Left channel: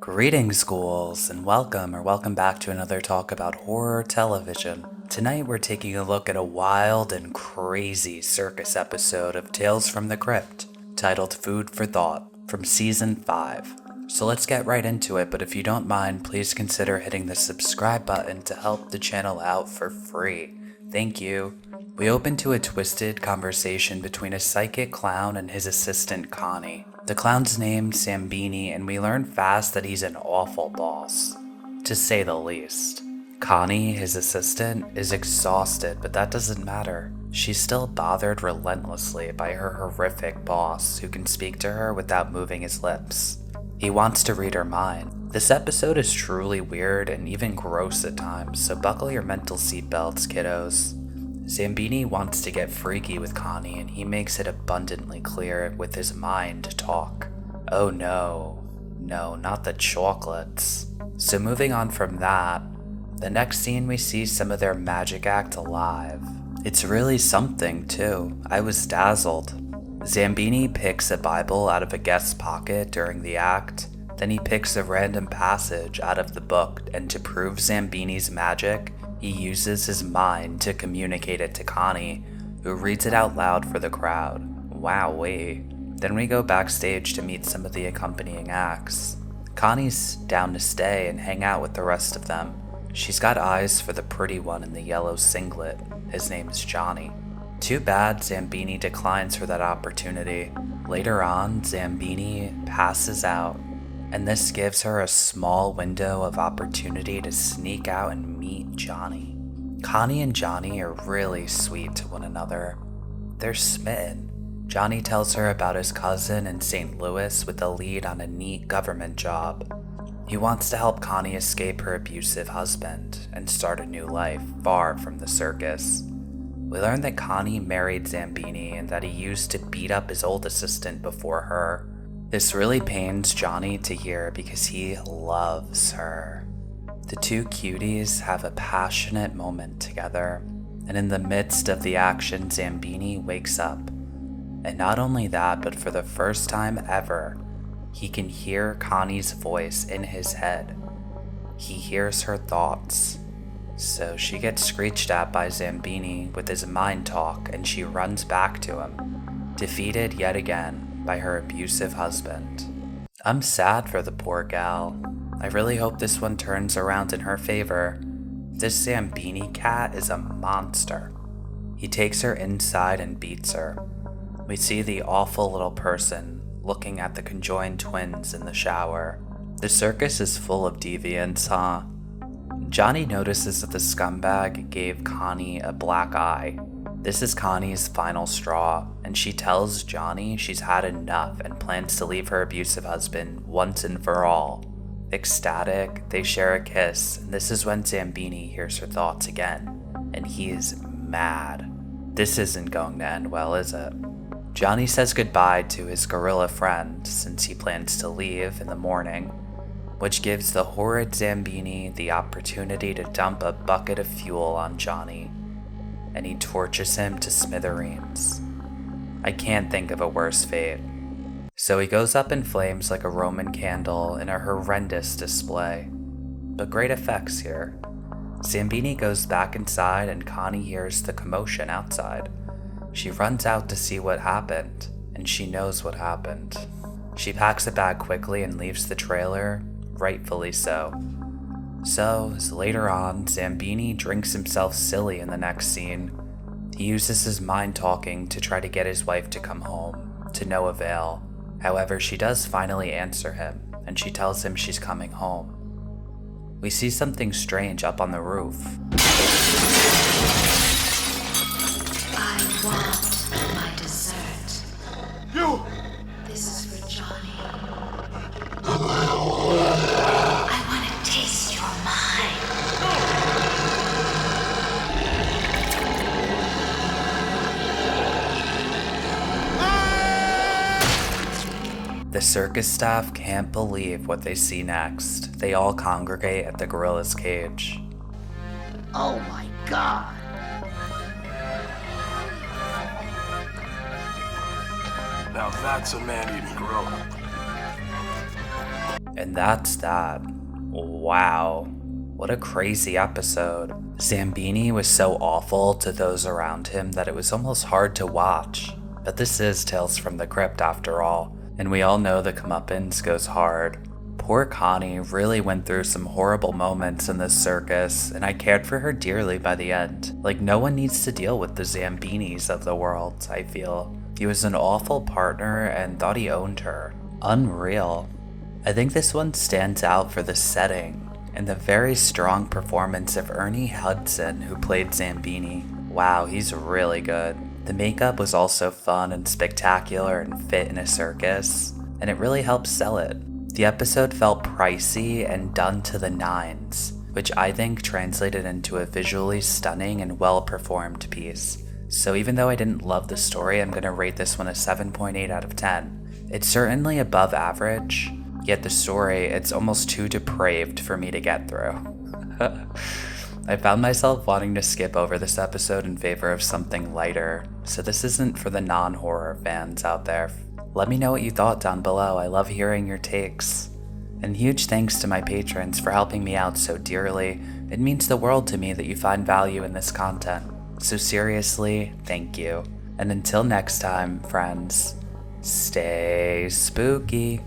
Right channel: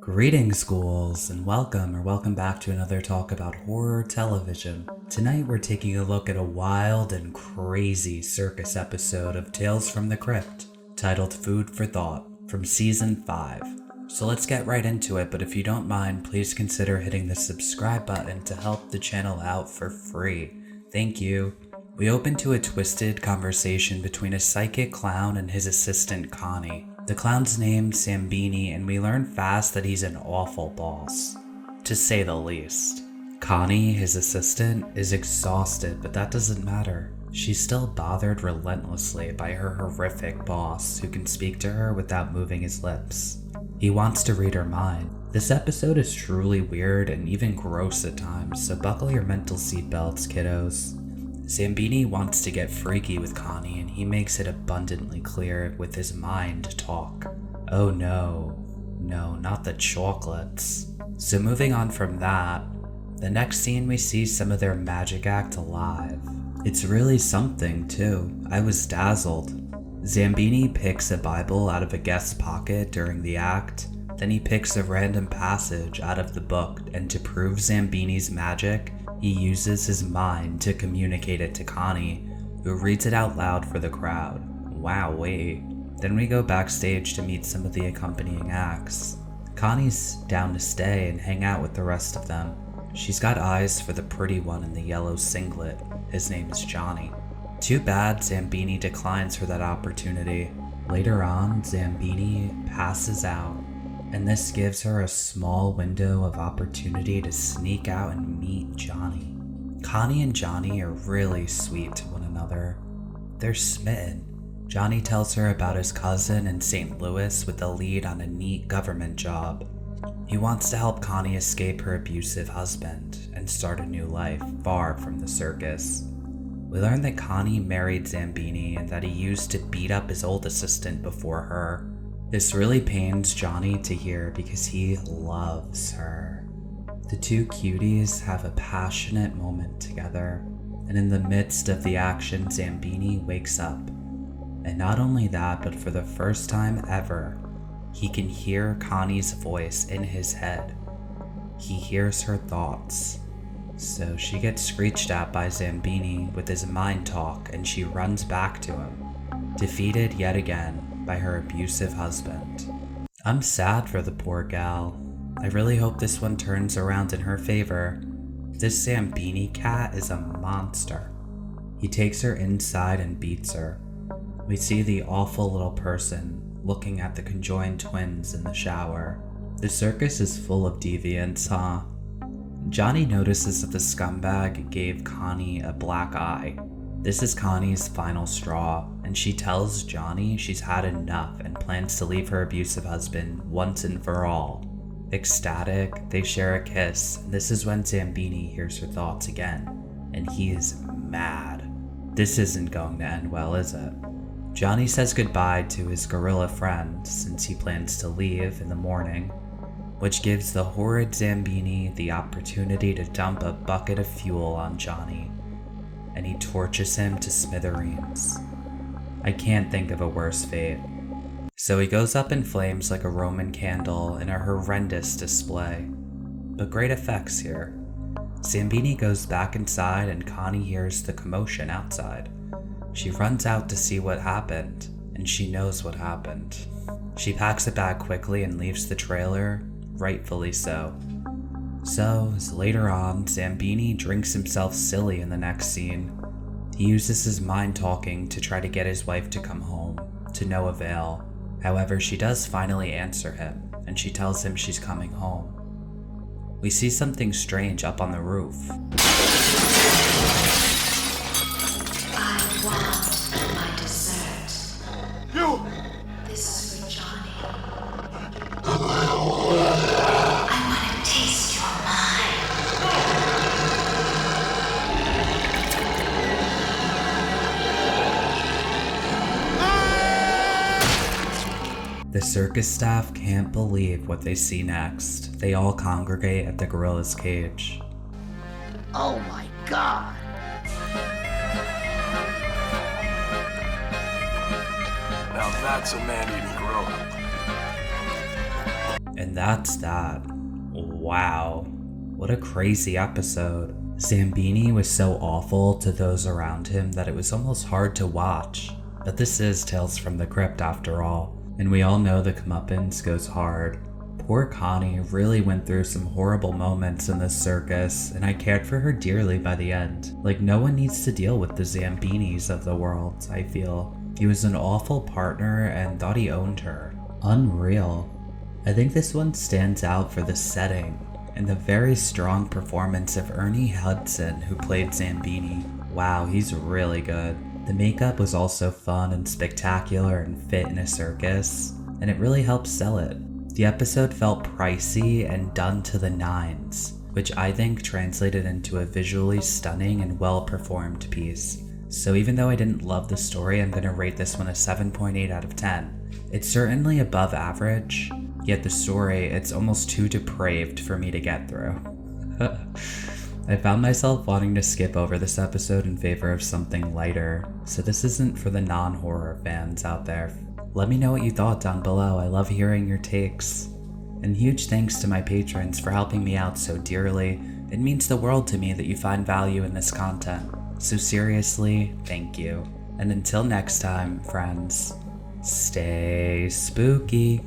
Greetings, ghouls, and welcome back to another talk about horror television. Tonight we're taking a look at a wild and crazy circus episode of Tales from the Crypt, titled Food for Thought, from Season 5. So let's get right into it, but if you don't mind, please consider hitting the subscribe button to help the channel out for free. Thank you. We open to a twisted conversation between a psychic clown and his assistant Connie. The clown's named Sambini, and we learn fast that he's an awful boss, to say the least. Connie, his assistant, is exhausted, but that doesn't matter. She's still bothered relentlessly by her horrific boss, who can speak to her without moving his lips. He wants to read her mind. This episode is truly weird and even gross at times, so buckle your mental seatbelts, kiddos. Sambini wants to get freaky with Connie, and he makes it abundantly clear with his mind talk. Oh no, not the chocolates. So moving on from that, the next scene we see some of their magic act live. It's really something too. I was dazzled. Sambini picks a Bible out of a guest's pocket during the act, then he picks a random passage out of the book, and to prove Sambini's magic, he uses his mind to communicate it to Connie, who reads it out loud for the crowd. Wowee. Then we go backstage to meet some of the accompanying acts. Connie's down to stay and hang out with the rest of them. She's got eyes for the pretty one in the yellow singlet. His name's Johnny. Too bad Sambini declines for that opportunity. Later on, Sambini passes out, and this gives her a small window of opportunity to sneak out and meet Johnny. Connie and Johnny are really sweet to one another. They're smitten. Johnny tells her about his cousin in St. Louis with a lead on a neat government job. He wants to help Connie escape her abusive husband and start a new life far from the circus. We learn that Connie married Sambini and that he used to beat up his old assistant before her. This really pains Johnny to hear because he loves her. The two cuties have a passionate moment together, and in the midst of the action, Sambini wakes up. And not only that, but for the first time ever, he can hear Connie's voice in his head. He hears her thoughts. So she gets screeched at by Sambini with his mind talk, and she runs back to him, defeated yet again by her abusive husband. I'm sad for the poor gal. I really hope this one turns around in her favor. This Sambini cat is a monster. He takes her inside and beats her. We see the awful little person looking at the conjoined twins in the shower. The circus is full of deviants, huh? Johnny notices that the scumbag gave Connie a black eye. This is Connie's final straw, and she tells Johnny she's had enough and plans to leave her abusive husband once and for all. Ecstatic, they share a kiss, and this is when Sambini hears her thoughts again, and he is mad. This isn't going to end well, is it? Johnny says goodbye to his gorilla friend since he plans to leave in the morning, which gives the horrid Sambini the opportunity to dump a bucket of fuel on Johnny, and he torches him to smithereens. I can't think of a worse fate. So he goes up in flames like a Roman candle in a horrendous display, but great effects here. Sambini goes back inside and Connie hears the commotion outside. She runs out to see what happened, and she knows what happened. She packs a bag quickly and leaves the trailer, rightfully so. So, as later on, Sambini drinks himself silly in the next scene. He uses his mind talking to try to get his wife to come home, to no avail. However, she does finally answer him, and she tells him she's coming home. We see something strange up on the roof. I want my dessert. You! This is for Johnny. I want to taste your mind. The circus staff can't believe what they see next. They all congregate at the gorilla's cage. Oh my god! Now that's a man-eating gorilla. And that's that. Wow. What a crazy episode. Zambini was so awful to those around him that it was almost hard to watch. But this is Tales from the Crypt after all, and we all know the comeuppance goes hard. Poor Connie really went through some horrible moments in this circus, and I cared for her dearly by the end. Like, no one needs to deal with the Zambinis of the world, I feel. He was an awful partner and thought he owned her. Unreal. I think this one stands out for the setting and the very strong performance of Ernie Hudson, who played Zambini. Wow, he's really good. The makeup was also fun and spectacular and fit in a circus, and it really helped sell it. The episode felt pricey and done to the nines, which I think translated into a visually stunning and well-performed piece. So even though I didn't love the story, I'm gonna rate this one a 7.8 out of 10. It's certainly above average, yet the story, it's almost too depraved for me to get through. I found myself wanting to skip over this episode in favor of something lighter, so this isn't for the non-horror fans out there. Let me know what you thought down below. I love hearing your takes. And huge thanks to my patrons for helping me out so dearly. It means the world to me that you find value in this content. So seriously, thank you. And until next time, friends, stay spooky.